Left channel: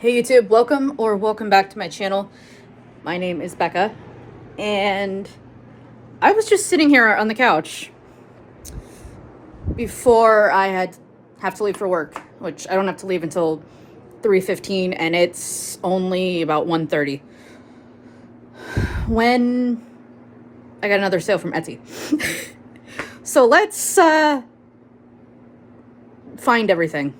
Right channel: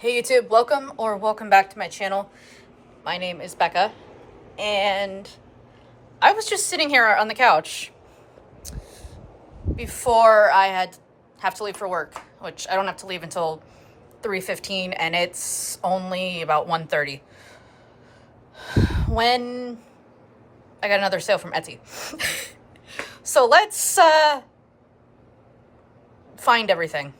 Hey YouTube, welcome back to my channel. My name is Becca, and I was just sitting here on the couch before I have to leave for work, which I don't have to leave until 3:15, and it's only about 1:30 when I got another sale from Etsy. So let's find everything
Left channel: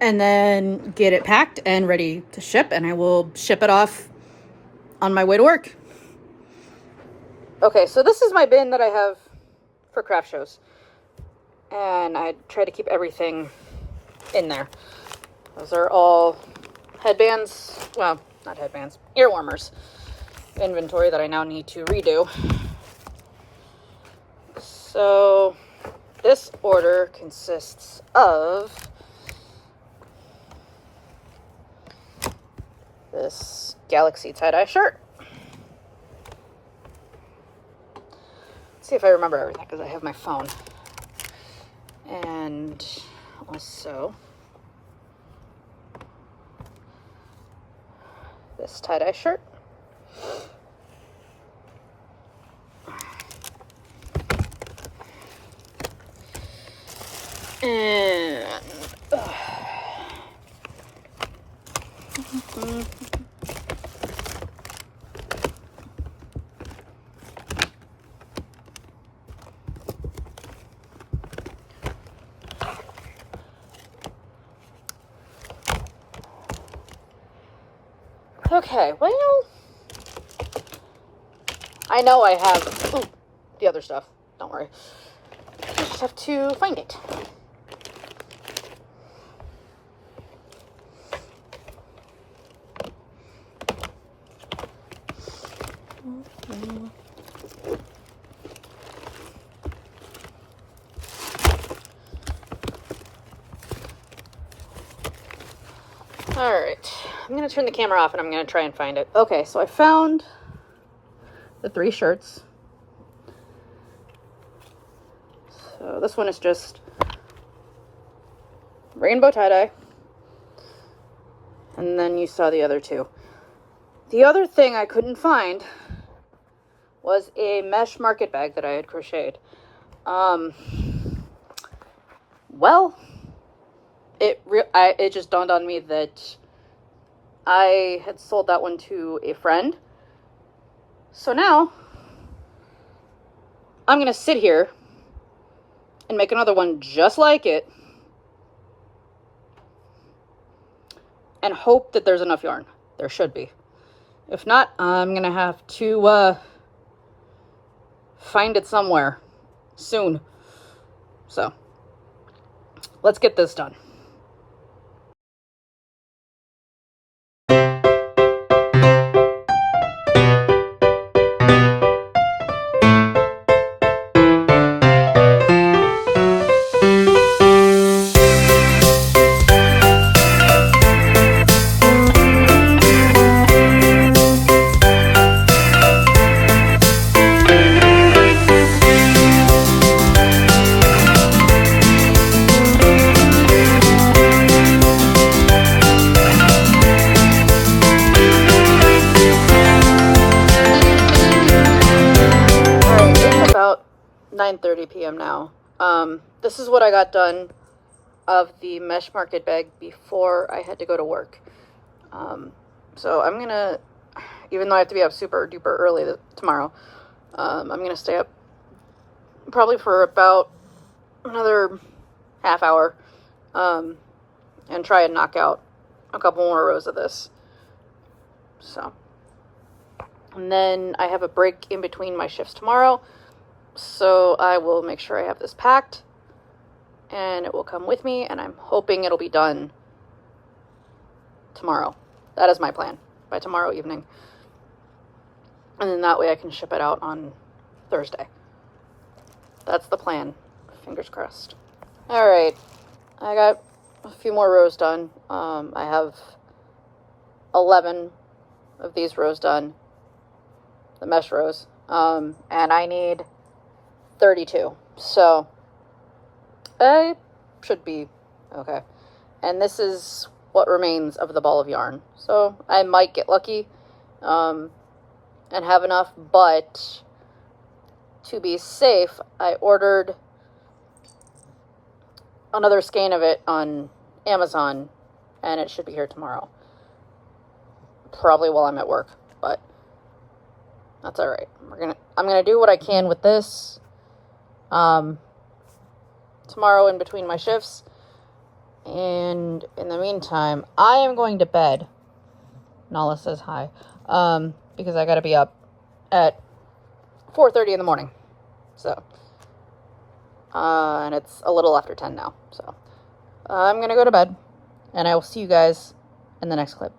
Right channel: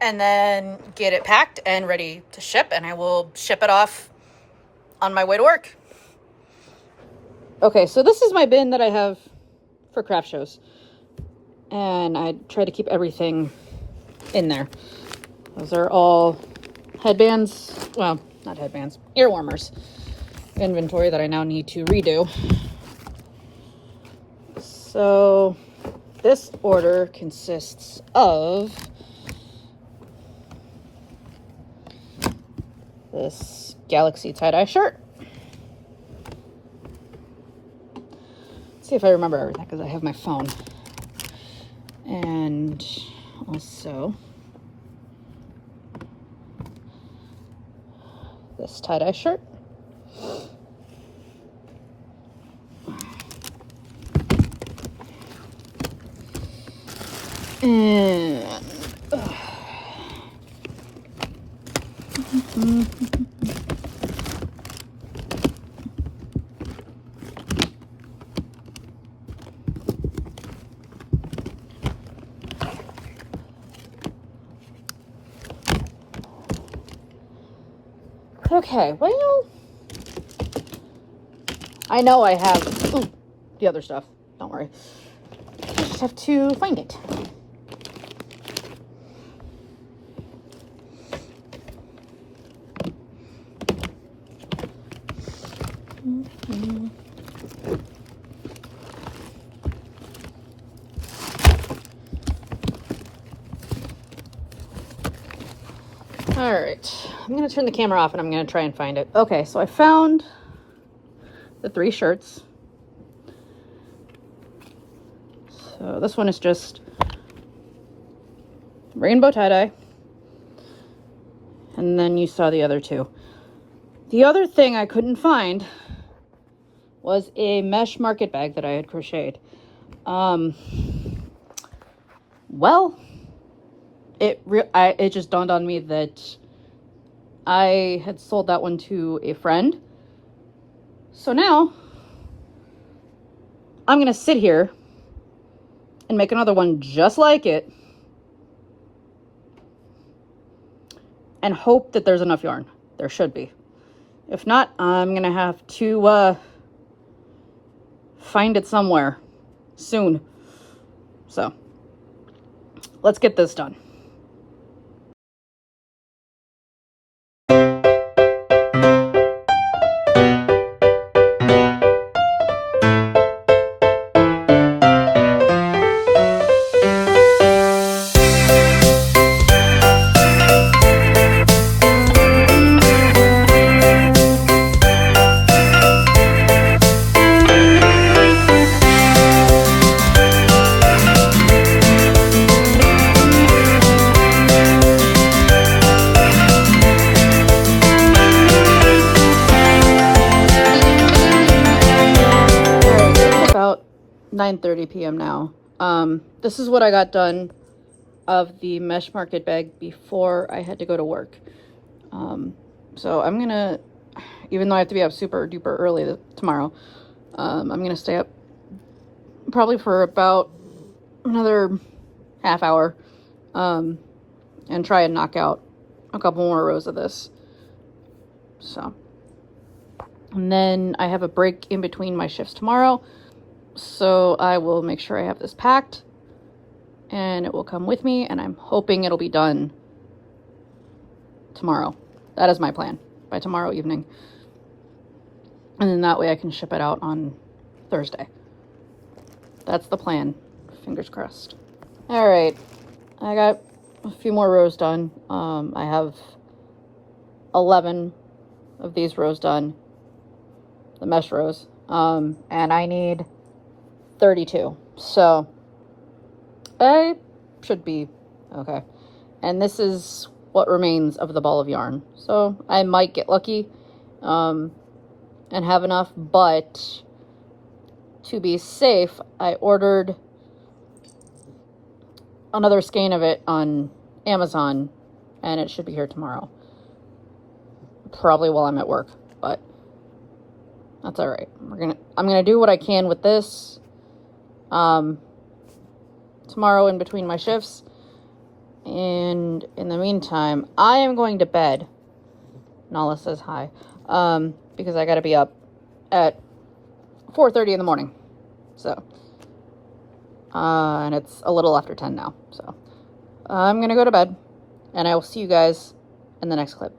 and then get it packed and ready to ship, and I will ship it off on my way to work. Okay, so this is my bin that I have for craft shows, and I try to keep everything in there. Those are all headbands, well, not headbands, ear warmers inventory that I now need to redo. So this order consists of this Galaxy tie-dye shirt. Let's see if I remember everything, because I have my phone. And also this tie-dye shirt. And okay, well, I know I have the other stuff. Don't worry. I just have to find it. All right, I'm gonna turn the camera off and I'm gonna try and find it. Okay, so I found the 3 shirts. So this one is just rainbow tie-dye. And then you saw the other 2. The other thing I couldn't find was a mesh market bag that I had crocheted. Well, it just dawned on me that I had sold that one to a friend. So now I'm gonna sit here and make another one just like it and hope that there's enough yarn. There should be. If not, I'm gonna have to find it somewhere soon. So let's get this done. About 9:30 p.m. now. This is what I got done of the mesh market bag before I had to go to work. So I'm gonna, even though I have to be up super duper early tomorrow, I'm gonna stay up probably for about another half hour, and try and knock out a couple more rows of this. So, and then I have a break in between my shifts tomorrow, so I will make sure I have this packed and it will come with me, and I'm hoping it'll be done tomorrow. That is my plan, by tomorrow evening. And then that way I can ship it out on Thursday. That's the plan. Fingers crossed. All right, I got a few more rows done. I have 11 of these rows done, the mesh rows, and I need 32. So I should be okay. And this is what remains of the ball of yarn. So I might get lucky and have enough, but to be safe, I ordered another skein of it on Amazon, and it should be here tomorrow. Probably while I'm at work, but that's all right. I'm gonna do what I can with this tomorrow in between my shifts, and in the meantime, I am going to bed. Nala says hi, because I gotta be up at 4:30 in the morning. So, and it's a little after 10 now. So, I'm gonna go to bed, and I will see you guys in the next clip.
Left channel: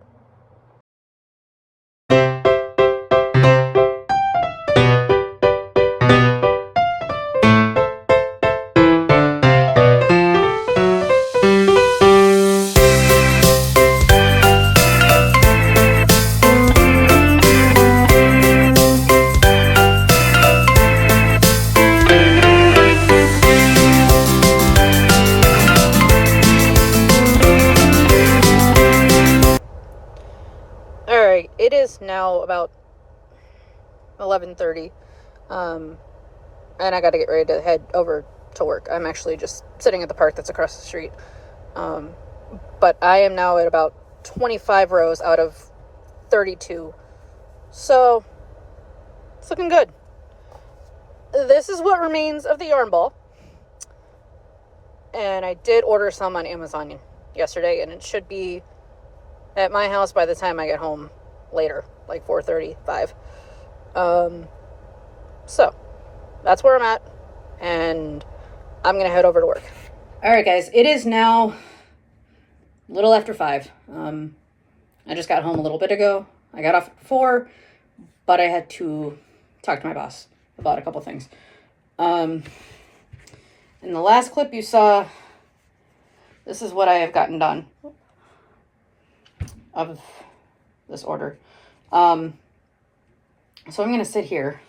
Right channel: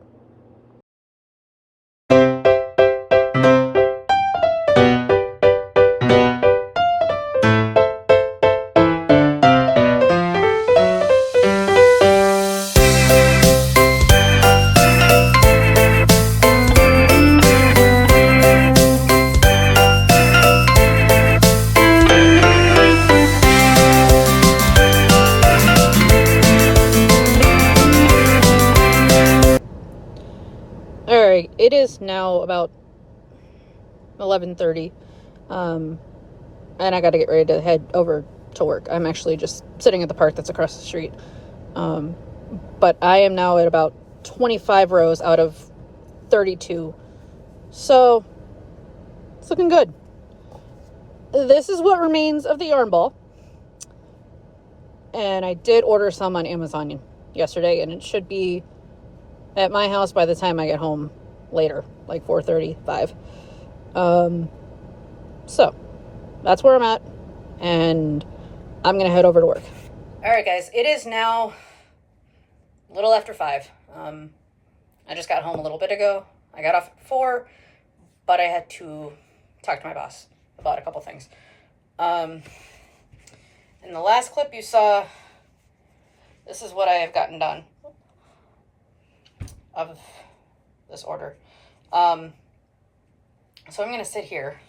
Alright, it is now about 11:30, and I gotta get ready to head over to work. I'm actually just sitting at the park that's across the street, but I am now at about 25 rows out of 32, so it's looking good. This is what remains of the yarn ball, and I did order some on Amazon yesterday, and it should be at my house by the time I get home later, like 4:35. So that's where I'm at, and I'm gonna head over to work. All right, guys, it is now a little after 5. I just got home a little bit ago. I got off at 4, but I had to talk to my boss about a couple things. In the last clip you saw, this is what I have gotten done of this order. So I'm gonna sit here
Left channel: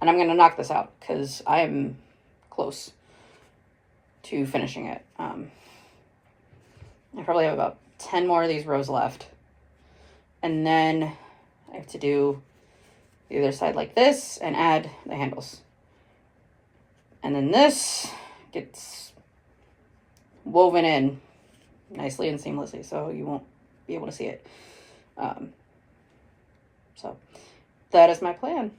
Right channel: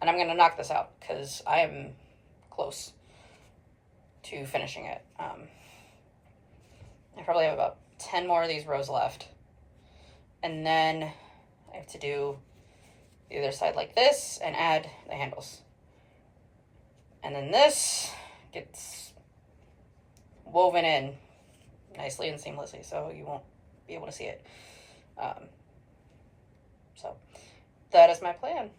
and I'm gonna knock this out because I am close to finishing it. I probably have about 10 more of these rows left, and then I have to do the other side like this and add the handles, and then this gets woven in nicely and seamlessly, so you won't be able to see it. So that is my plan.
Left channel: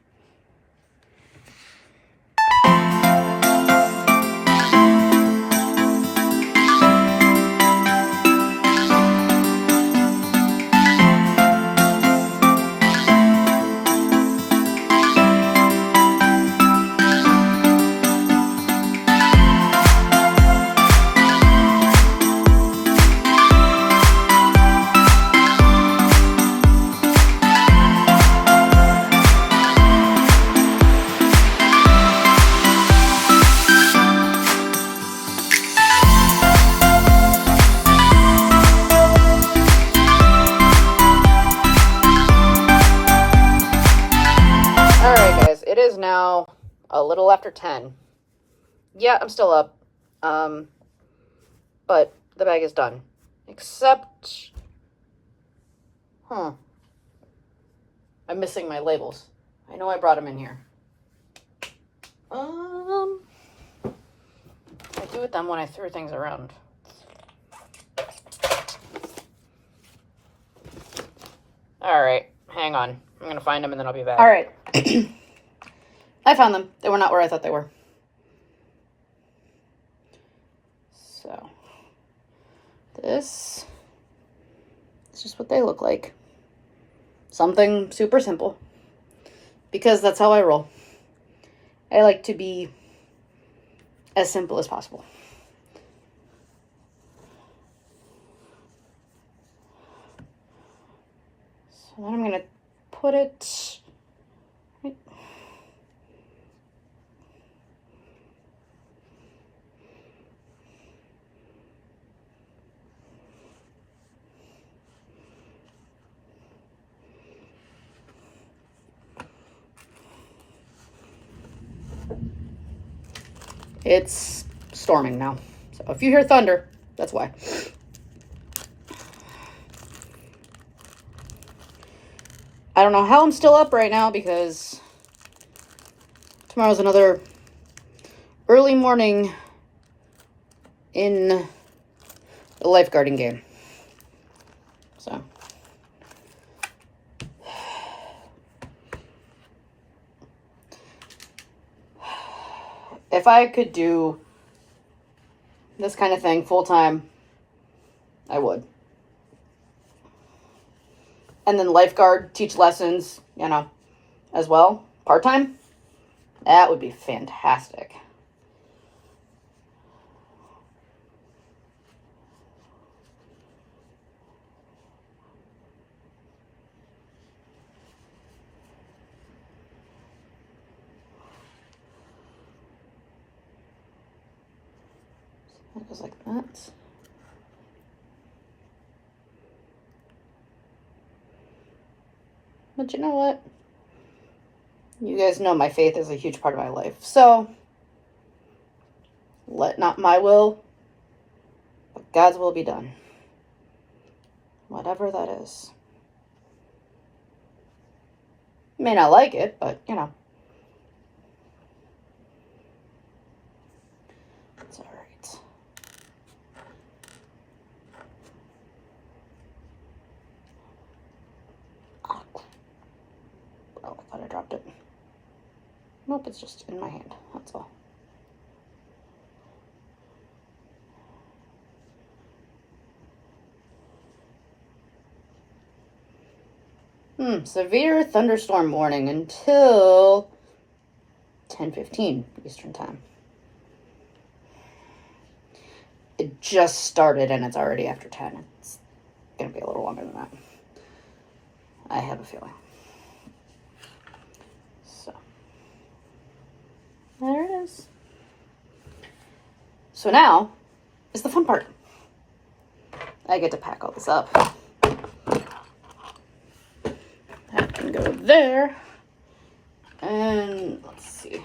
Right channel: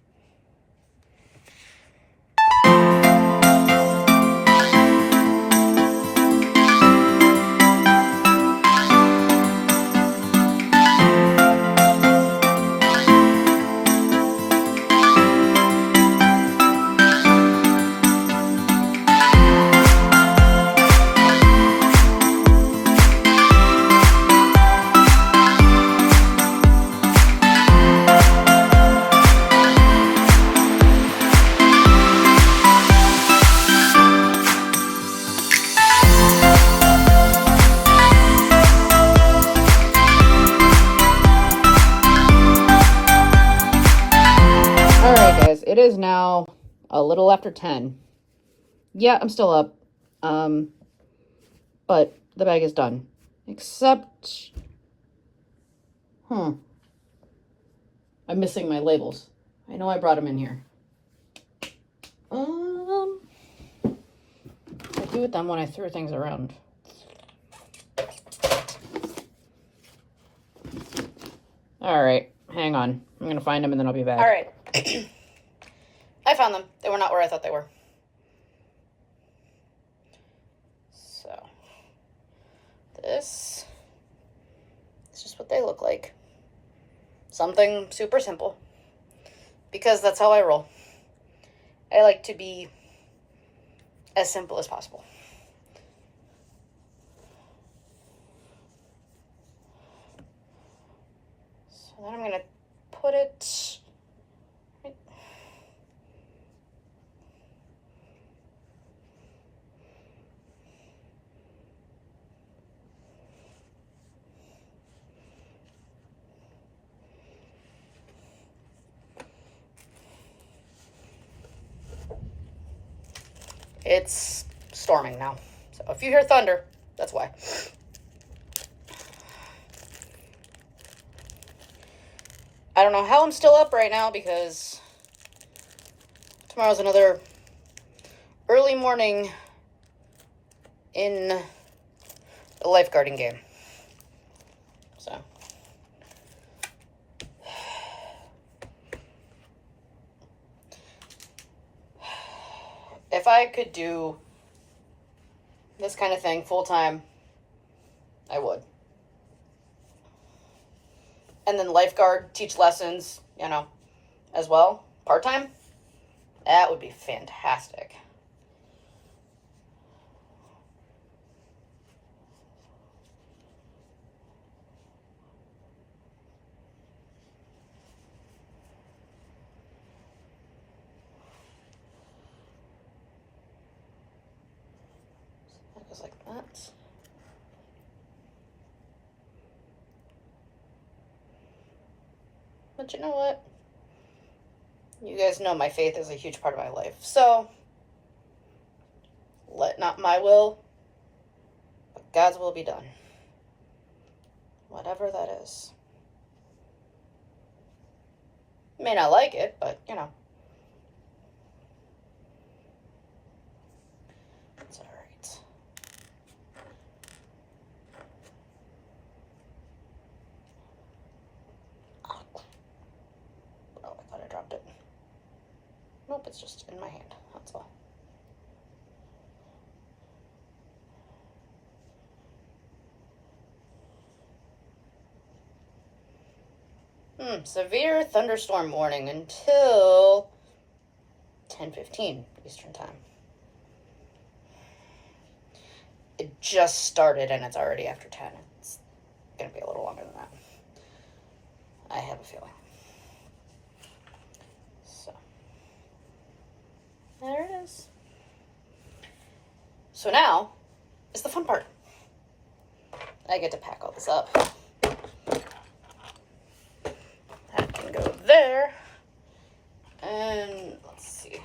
It is now a little after 10. Yeah, I'm still up. But the bag is done. Except, I'm missing my labels. I know I brought them in here. I do with them when I threw things around. All right, hang on. I'm gonna find them and then I'll be back. All right. I found them. They were not where I thought they were. So, this is just what they look like. Something super simple, because that's how I roll. I like to be as simple as possible. So then I'm gonna put it right. It's storming now, so if you hear thunder, that's why. I don't know how I'm still up right now because tomorrow's another early morning in the lifeguarding game. So if I could do this kind of thing full time, I would. And then lifeguard, teach lessons, you know, as well, part time. That would be fantastic. It goes like that. But you know what? You guys know my faith is a huge part of my life. So, let not my will, but God's will be done. Whatever that is. You may not like it, but, you know. It's alright. Oh, I thought I dropped it. Nope, it's just in my hand. That's all. Severe thunderstorm warning until 10:15 Eastern time. It just started and it's already after 10. It's gonna be a little longer than that. I have a feeling. So, there it is. So now is the fun part. I get to pack all this up. That can go there. And let's see.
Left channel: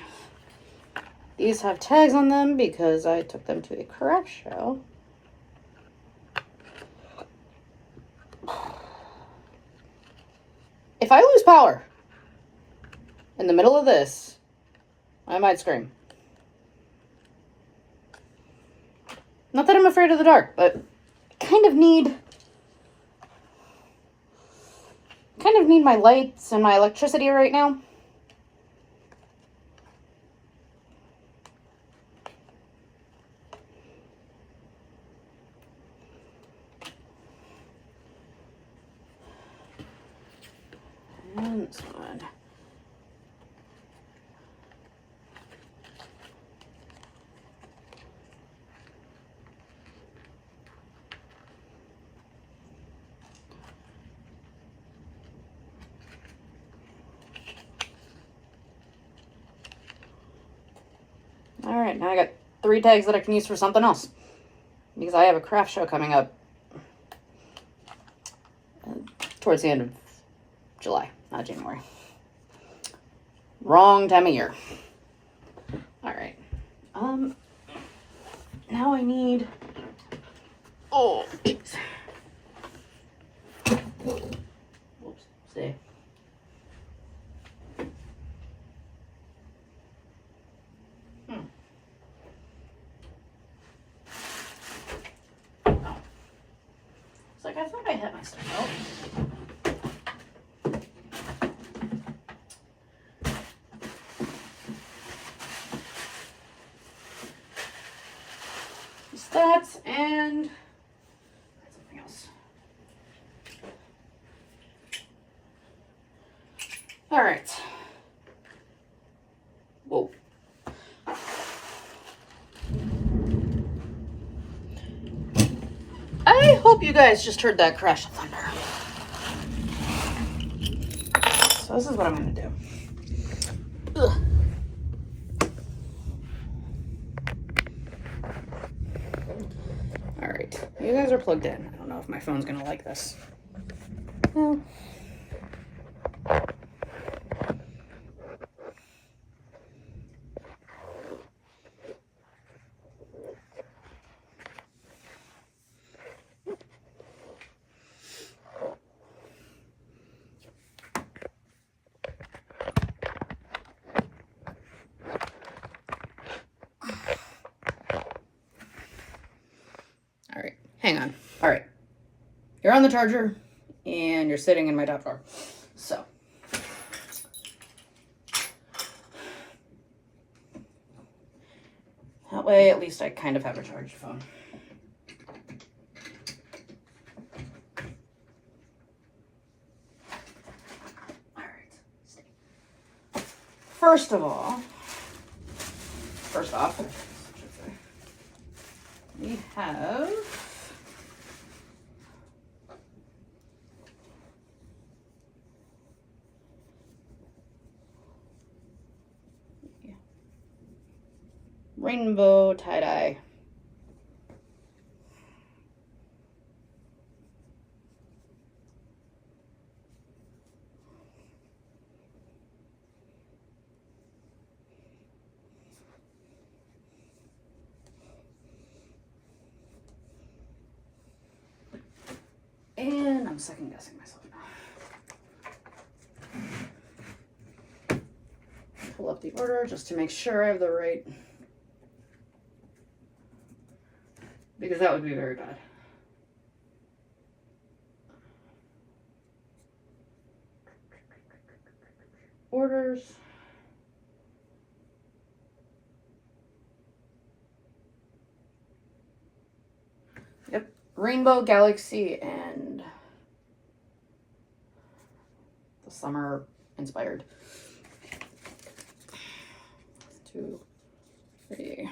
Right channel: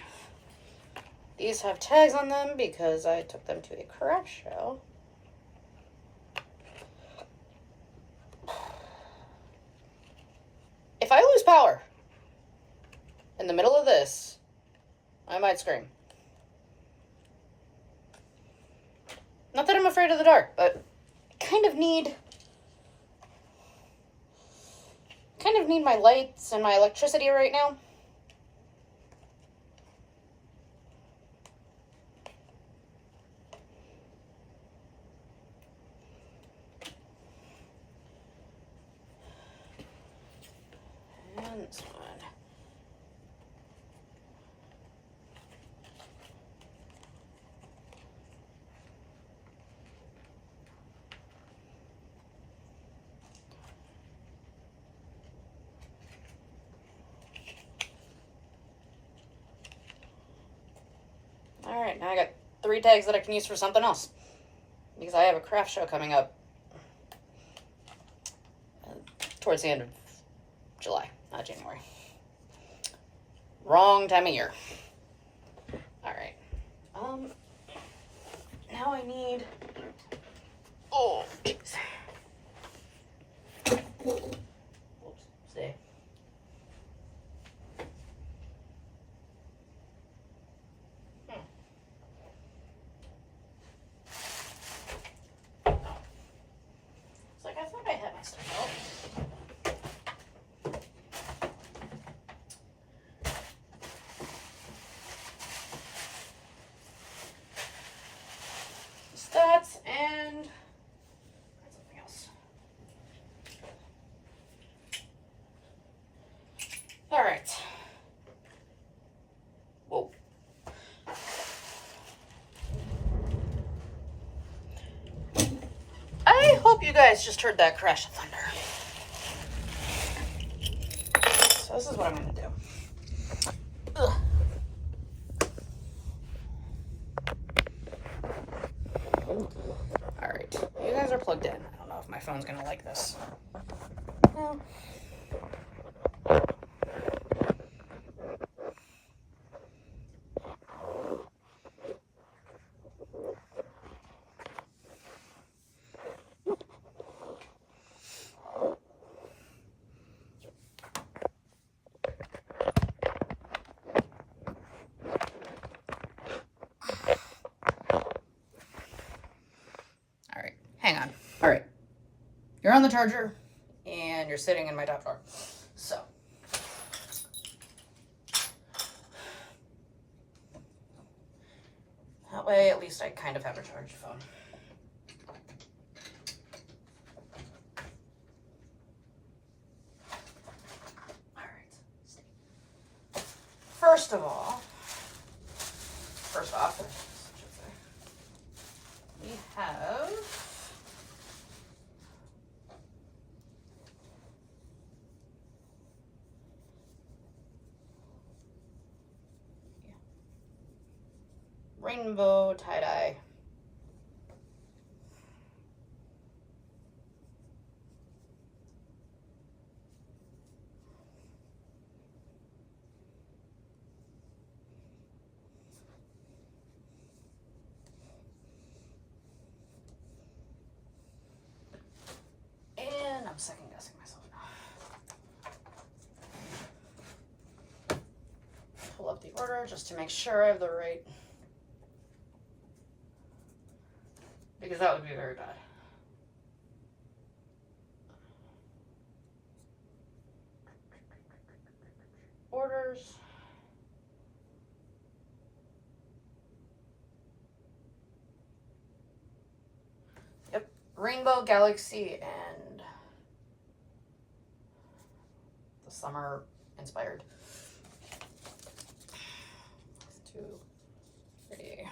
These have tags on them because I took them to a craft show. If I lose power in the middle of this, I might scream. Not that I'm afraid of the dark, but I kind of need my lights and my electricity right now. And this one. All right, now I got 3 tags that I can use for something else because I have a craft show coming up towards the end of July, not January. Wrong time of year. All right. Now I need, oh, jeez. Whoops, stay. It's like I thought I had my stuff out. That and something else. All right. Whoa. I hope you guys just heard that crash of thunder. So this is what I'm gonna do. Ugh. All right, you guys are plugged in. I don't know if my phone's gonna like this. No. All right, hang on. All right, you're on the charger and you're sitting in my top drawer. So that way, at least I kind of have a charged phone. All right. First off, we have rainbow tie-dye. And I'm second guessing myself now. Pull up the order just to make sure I have the right, because that would be very bad. Orders. Yep, Rainbow, Galaxy, and the summer inspired. 2, 3.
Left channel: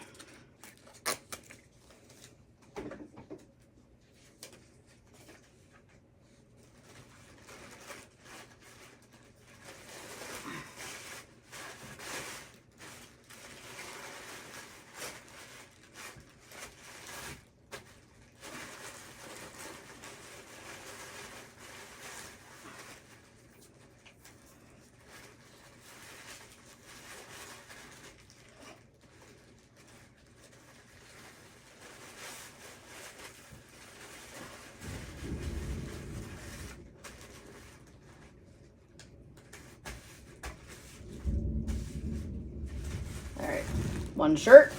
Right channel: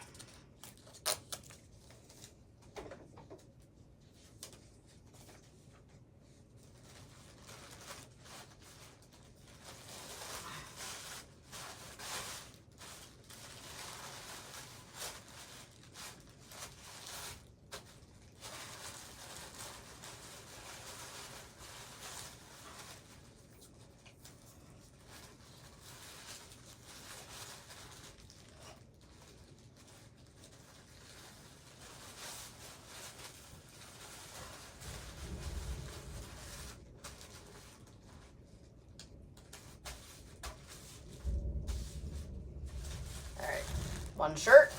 One shirt.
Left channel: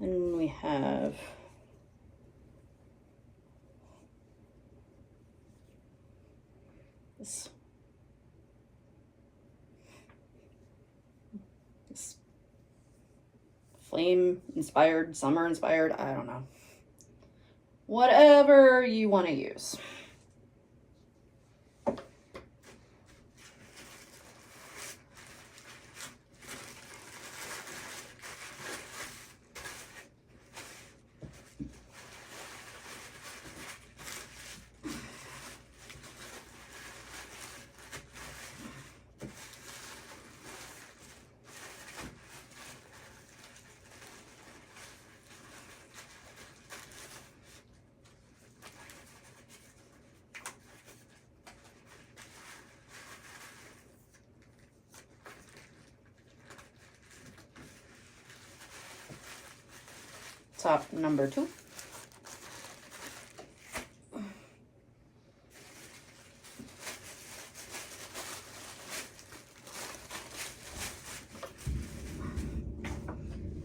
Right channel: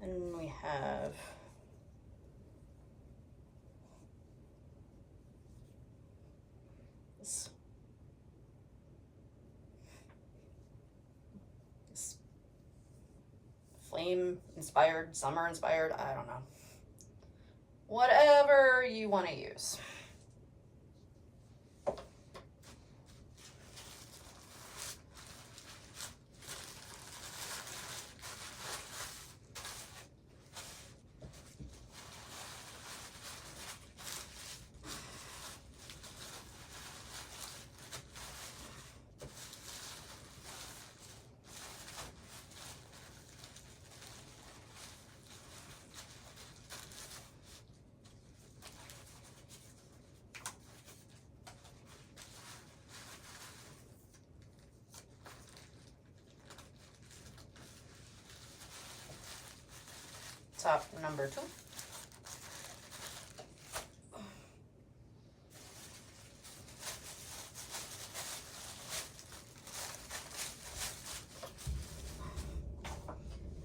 Then we have this flame inspired, summer inspired, I don't know. Whatever you want to use. Top number 2.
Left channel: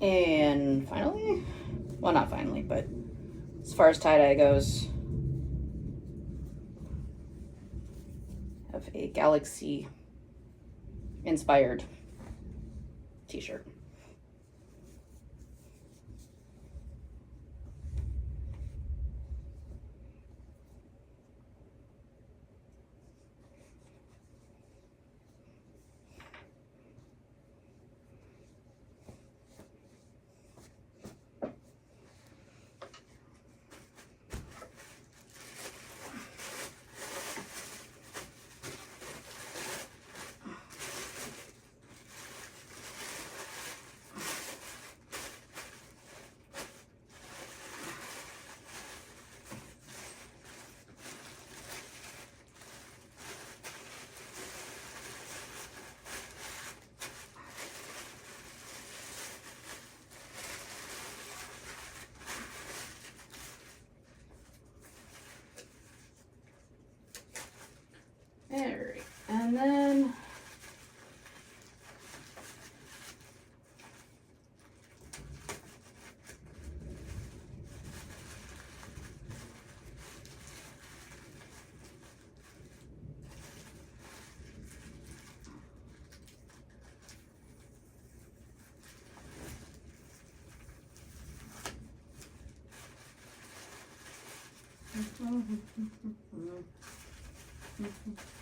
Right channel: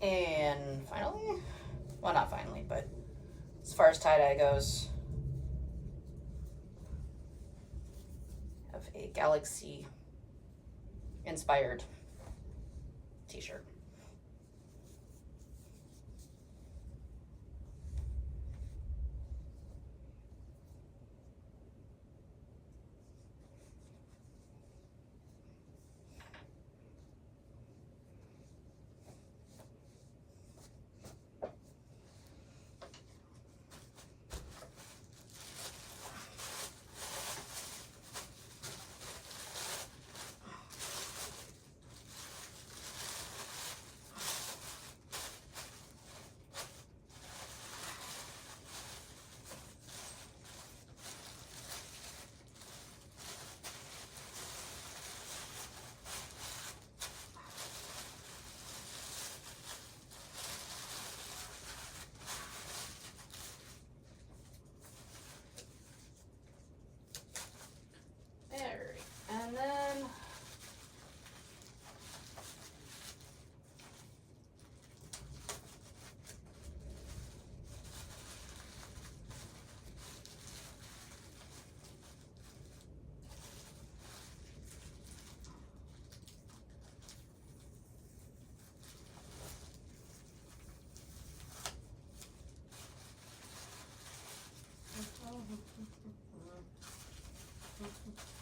And finally, well, not finally, but as far as tie-dye goes, I have a Galaxy inspired t-shirt.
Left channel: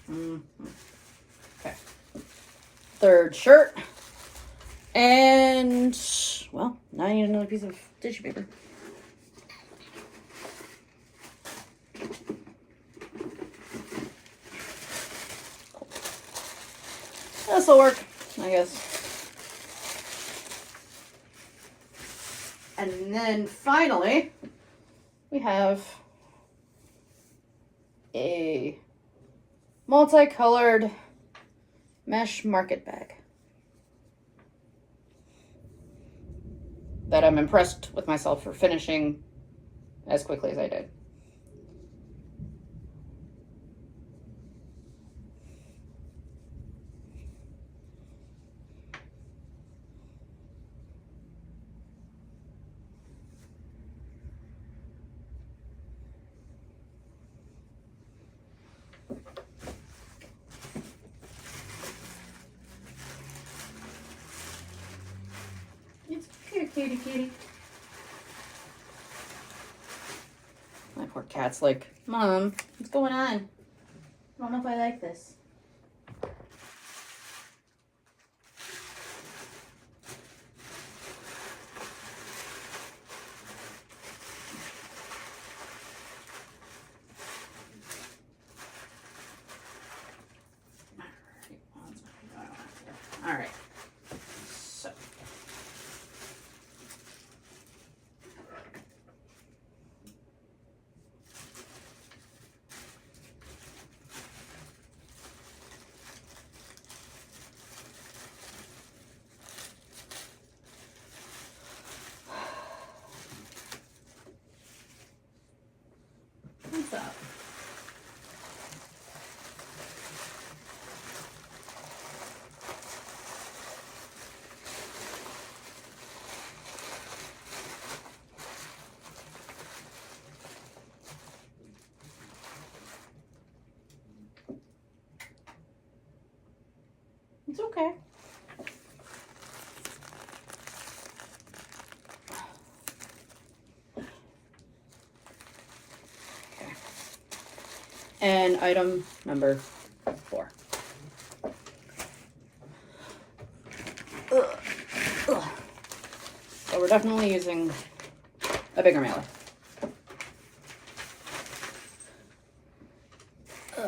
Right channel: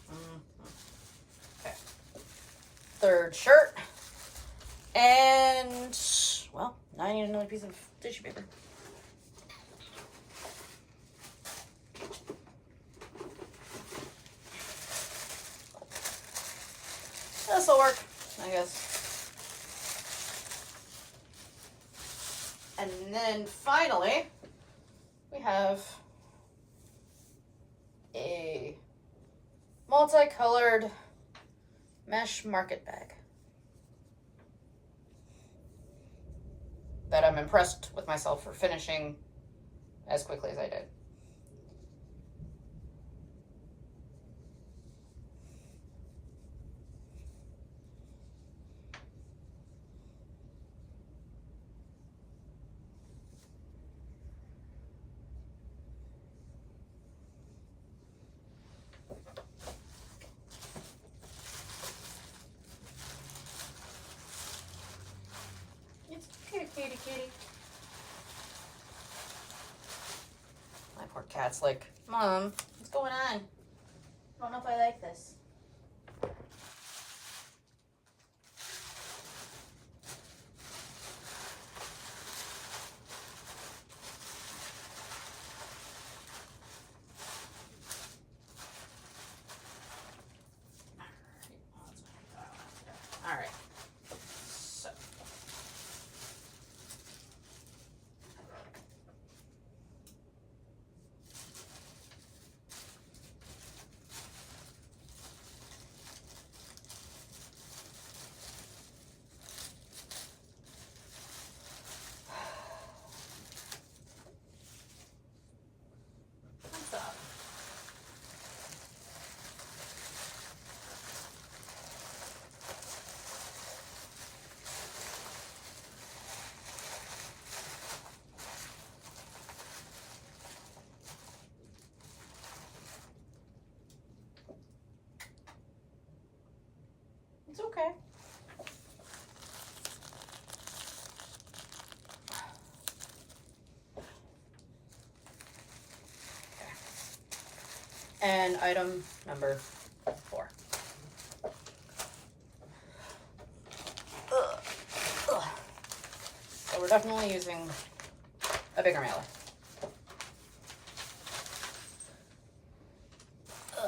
Okay. Third shirt. And, well, now I need another piece of tissue paper. This'll work, I guess. And then finally, we have a multicolored mesh market bag that I'm impressed with myself for finishing as quickly as I did. Kitty. My poor cat's like, Mom, what's going on? I don't know if I like this. All right. So. What's up? It's okay. And item number 4. Ugh. So we're definitely using a bigger mailer. Ugh.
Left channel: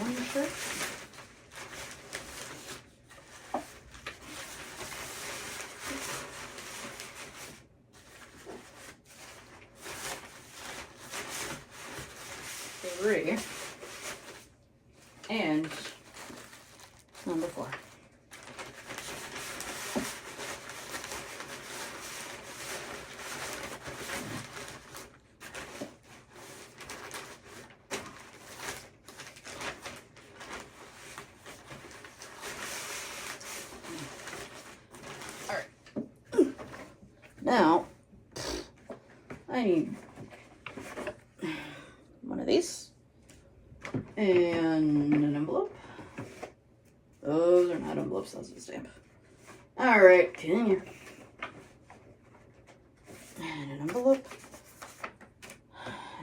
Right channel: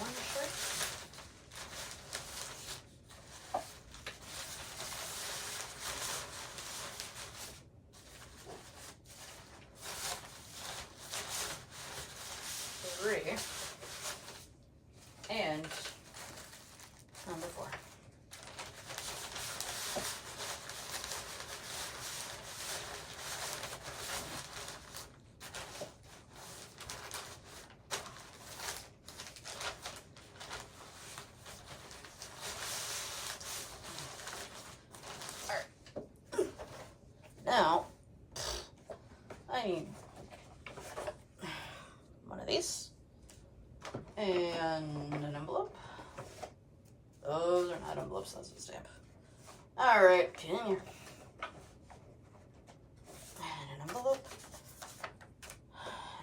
One shirt. Three. And number 4. All right. Now, I need one of these and an envelope. Those are not envelopes, those are the stamp. All right, continue. And an envelope.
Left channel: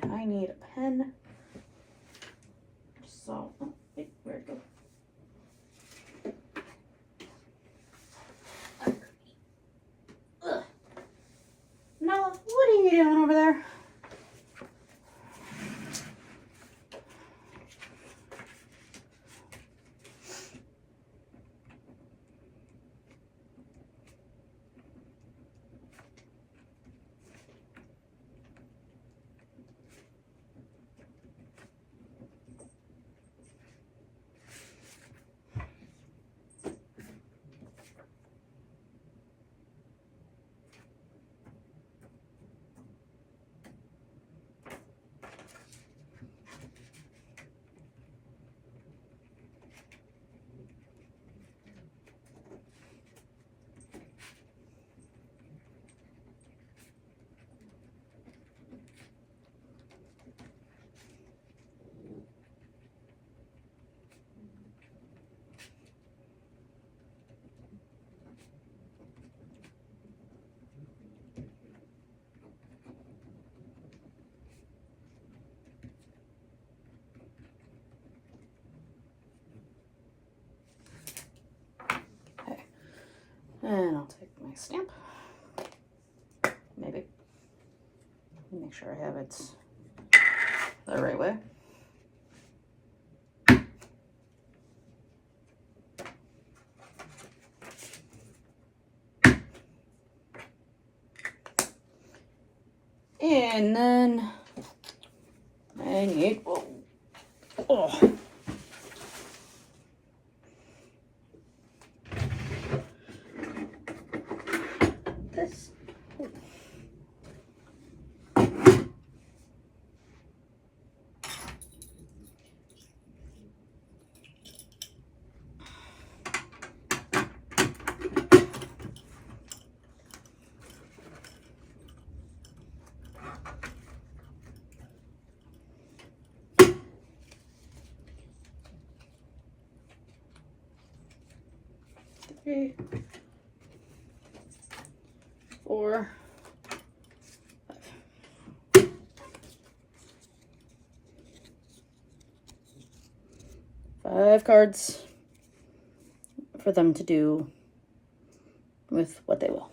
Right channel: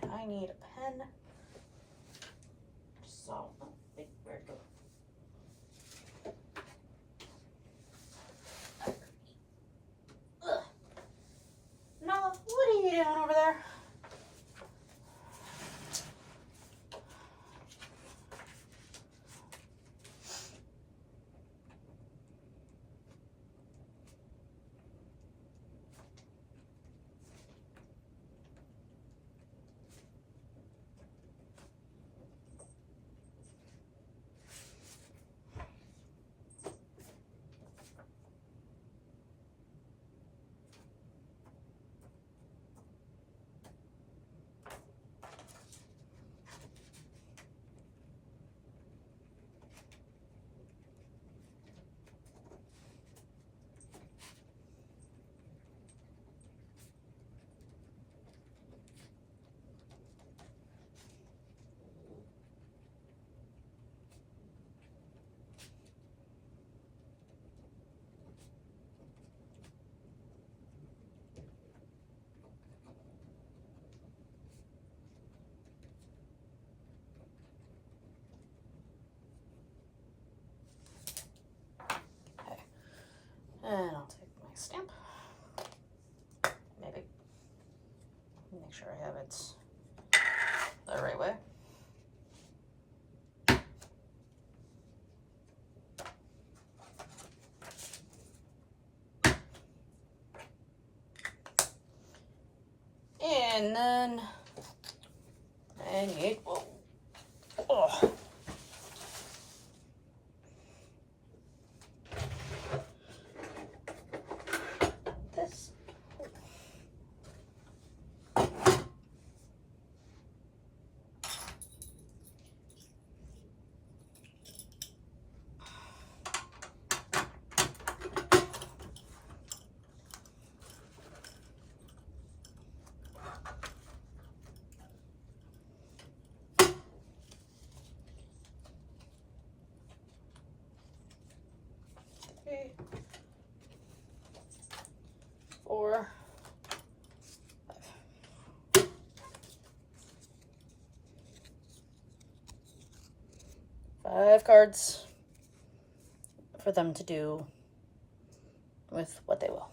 And I need a pen. So, oh, wait, where'd it go? Ugh. Nella, what are you doing over there? Take my stamp. Maybe. Make sure I have it the right way. And then I need, this. Three, 4, 5 cards for them to do with what they will.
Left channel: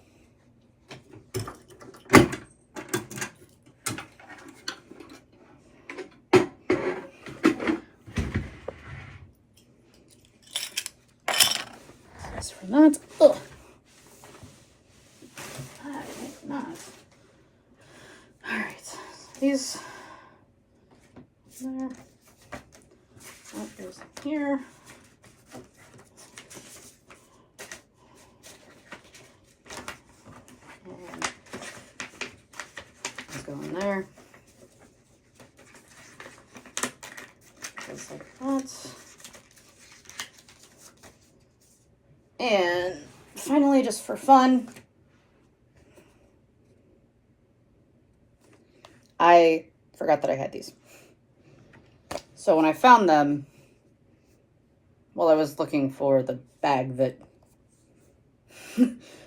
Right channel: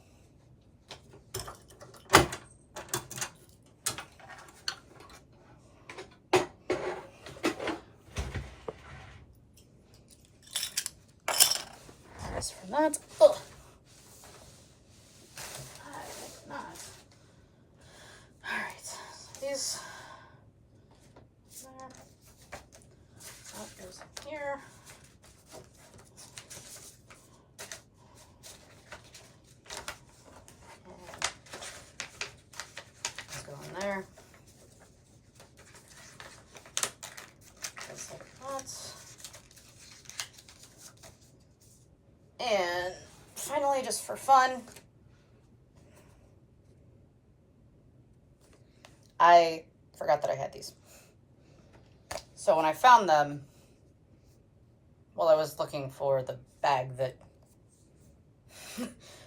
As for that, ugh. I think not. All right, so these there. That goes here. And let's go in there. Just like that. And finally, just for fun, I forgot that I had these. So when I found them, well, I was looking for the bag that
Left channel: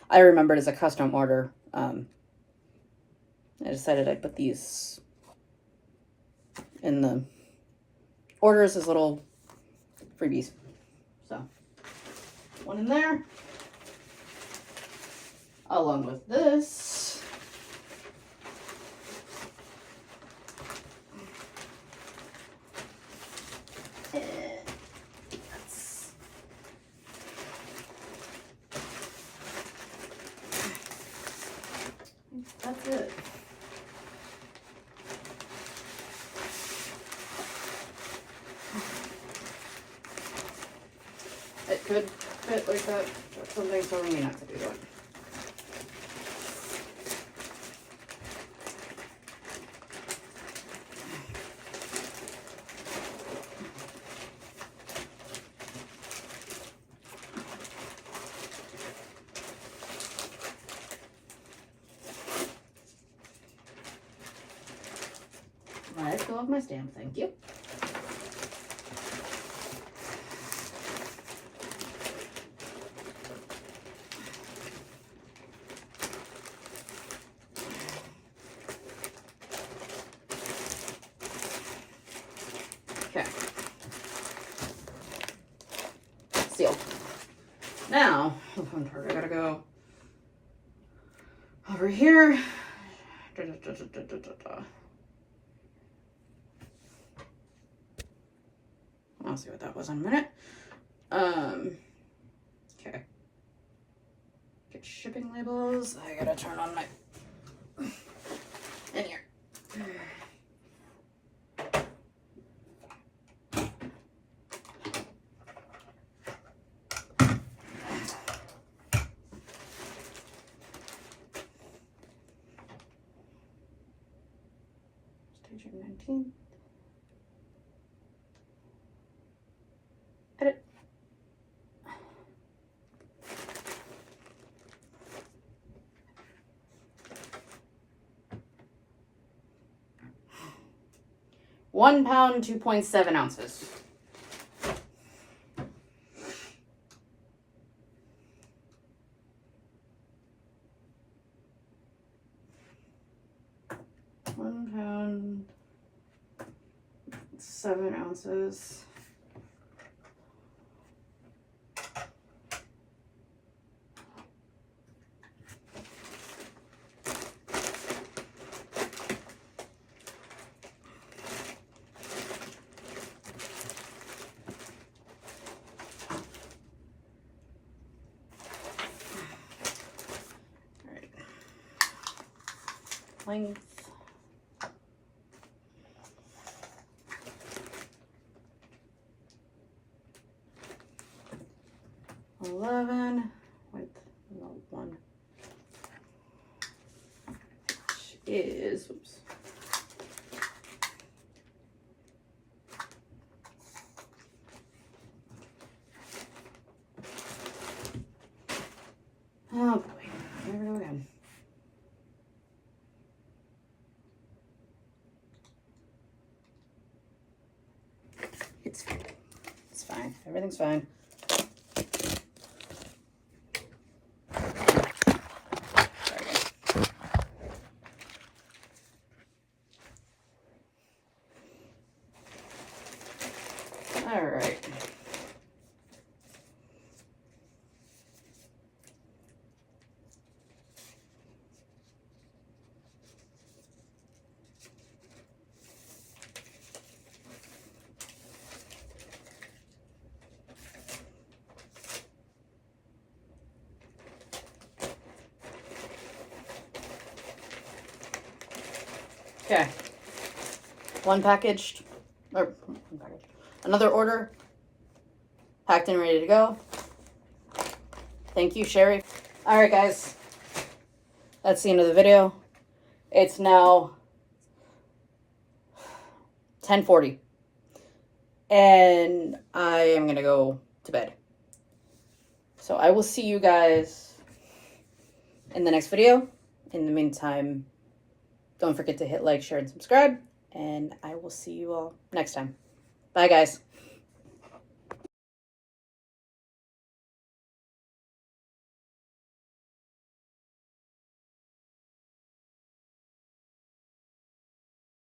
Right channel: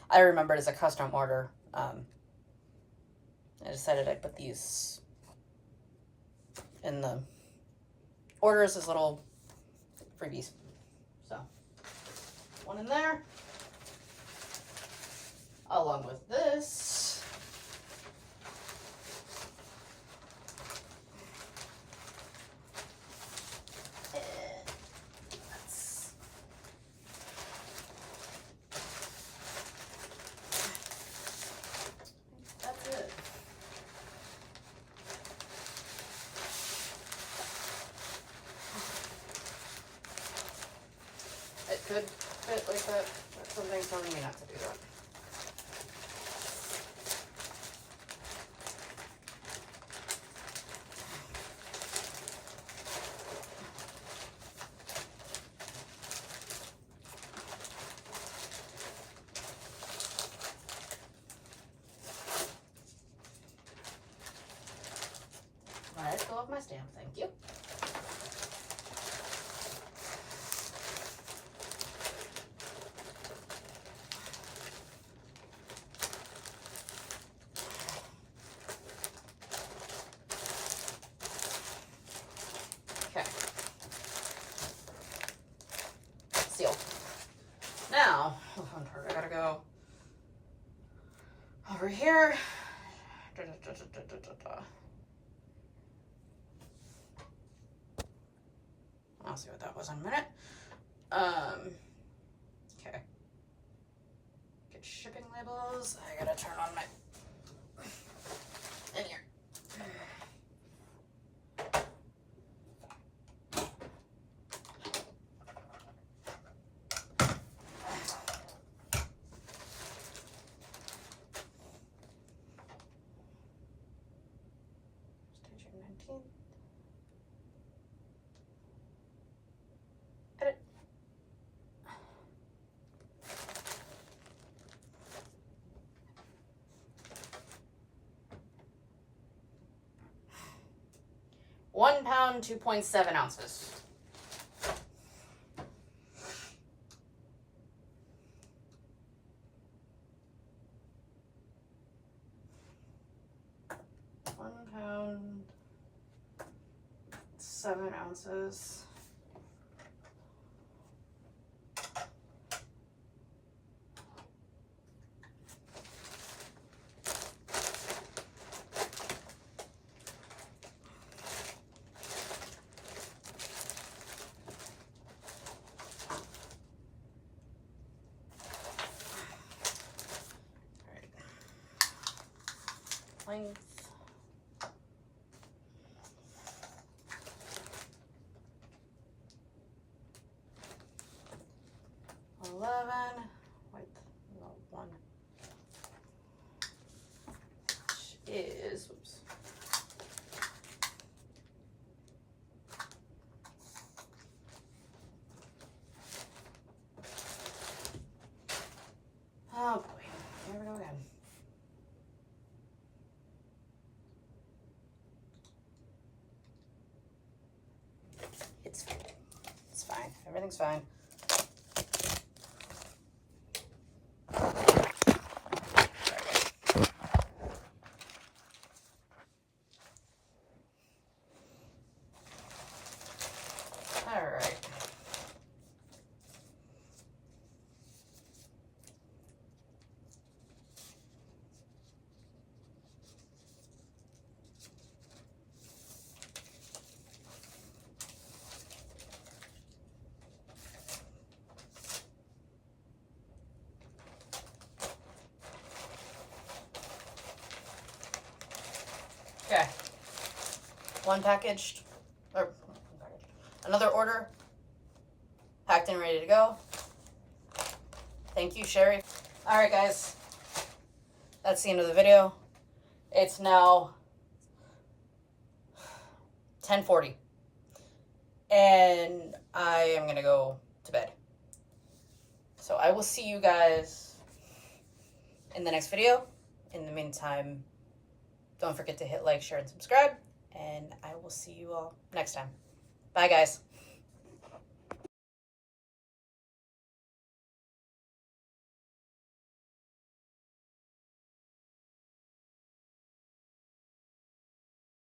I remembered as a custom order. I decided I'd put these in the orders as little freebies. So one in there, along with this. That's it. It could fit like that, but something's telling me not to do that. Let go of my stamp, thank you. Okay. Sealed. Now, the fun part, I gotta go over here. I'll see what that was in a minute. Okay. Get shipping labels. I gotta turn on my in here. Stage 19. Edit. £1, 2.7 ounces. £1, 7 ounces. length. $11 with one, which is, oops. Oh boy, here we go again. It's fine. It's fine. Everything's fine. Sorry, guys. All right. Okay, another order, packed and ready to go. Thank you, Sherry. All right, guys, that's the end of the video. It's now 10:40, and I am gonna go to bed. So I will see you guys in the next video. In the meantime, don't forget to hit like, share, and subscribe, and I will see you all next time. Bye, guys.